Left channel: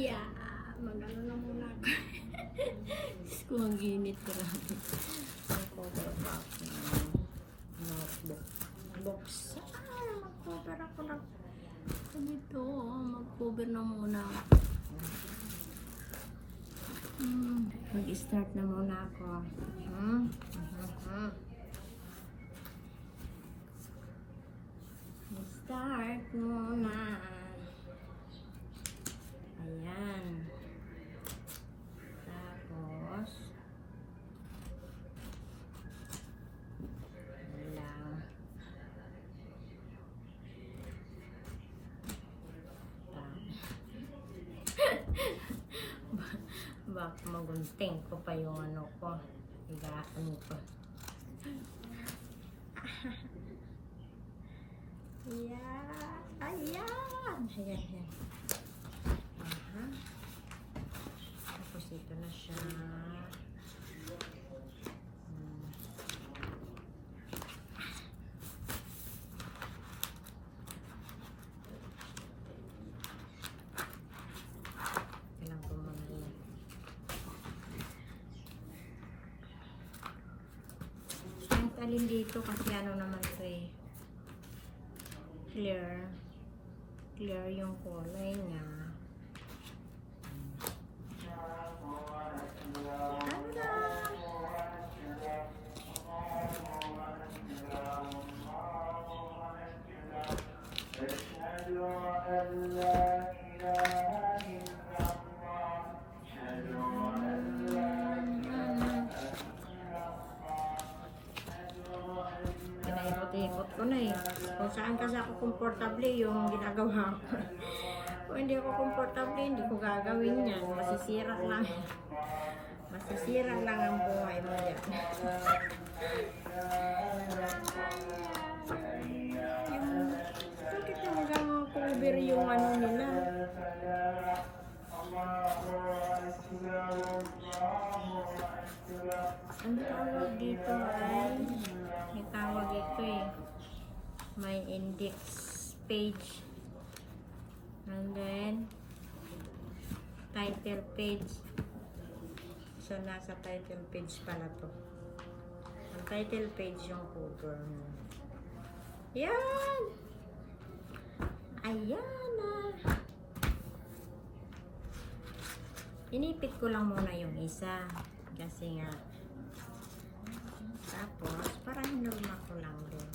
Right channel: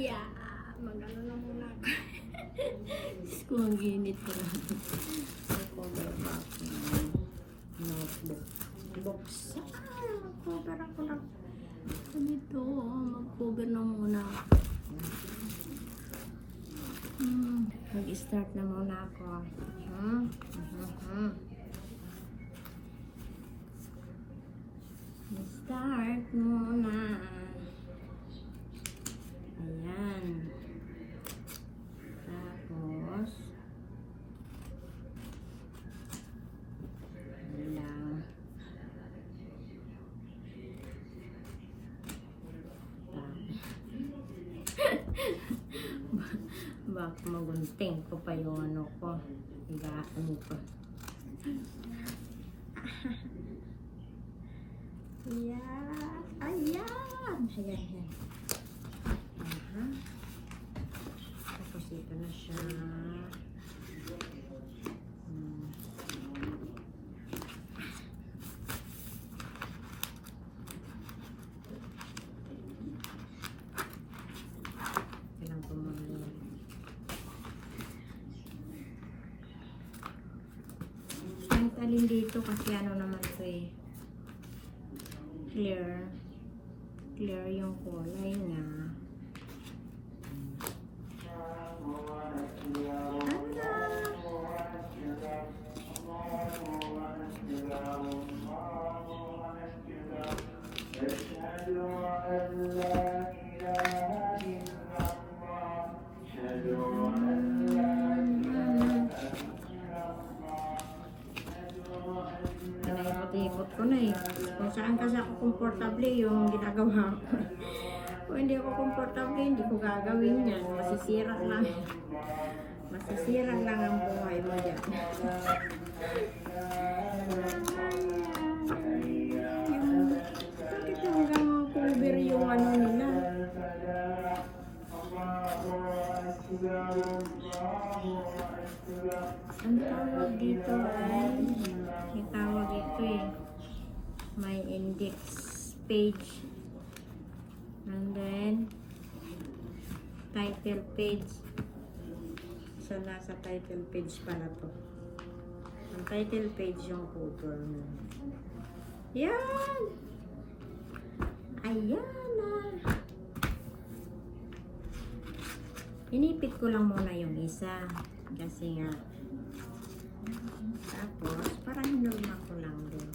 Yeah, mag-ano na muna ako. Diyos ko, ang init ko rin. Mag-cover pa ako ng notebook. Buksan. Mag-cover ako ng dito. Mag-cover na muna. Mag-start na muna ako. Start muna. Ayan. Tapos lang. Baka magunting ko pa yung ano ko. Higaan ko. Ayan. Ayan. Ayan. Tapos ito na siya. Kailangan ko mga yun. Kahit alin dito kasi ano naman ito eh. Clear yung kulay niya. Pinaikot-ikot ko na eh. Kung saan kasi ako komportable yung ginagawa ko. Kung hindi ako komportable, hindi ko gagawin yan. Masisira lang. Masisira lang ang buhay mo dyan. Bakit hanggang cover yung ano nila? Ang tawag dito ay may tawag ito eh. May index page. And then title page. So nasa title page pala to. Ang title page yung cover mo. Yan! Ayan na! Inipit ko lang muna yung isa. Kasi nga tapos parang hinulma ko lang doon.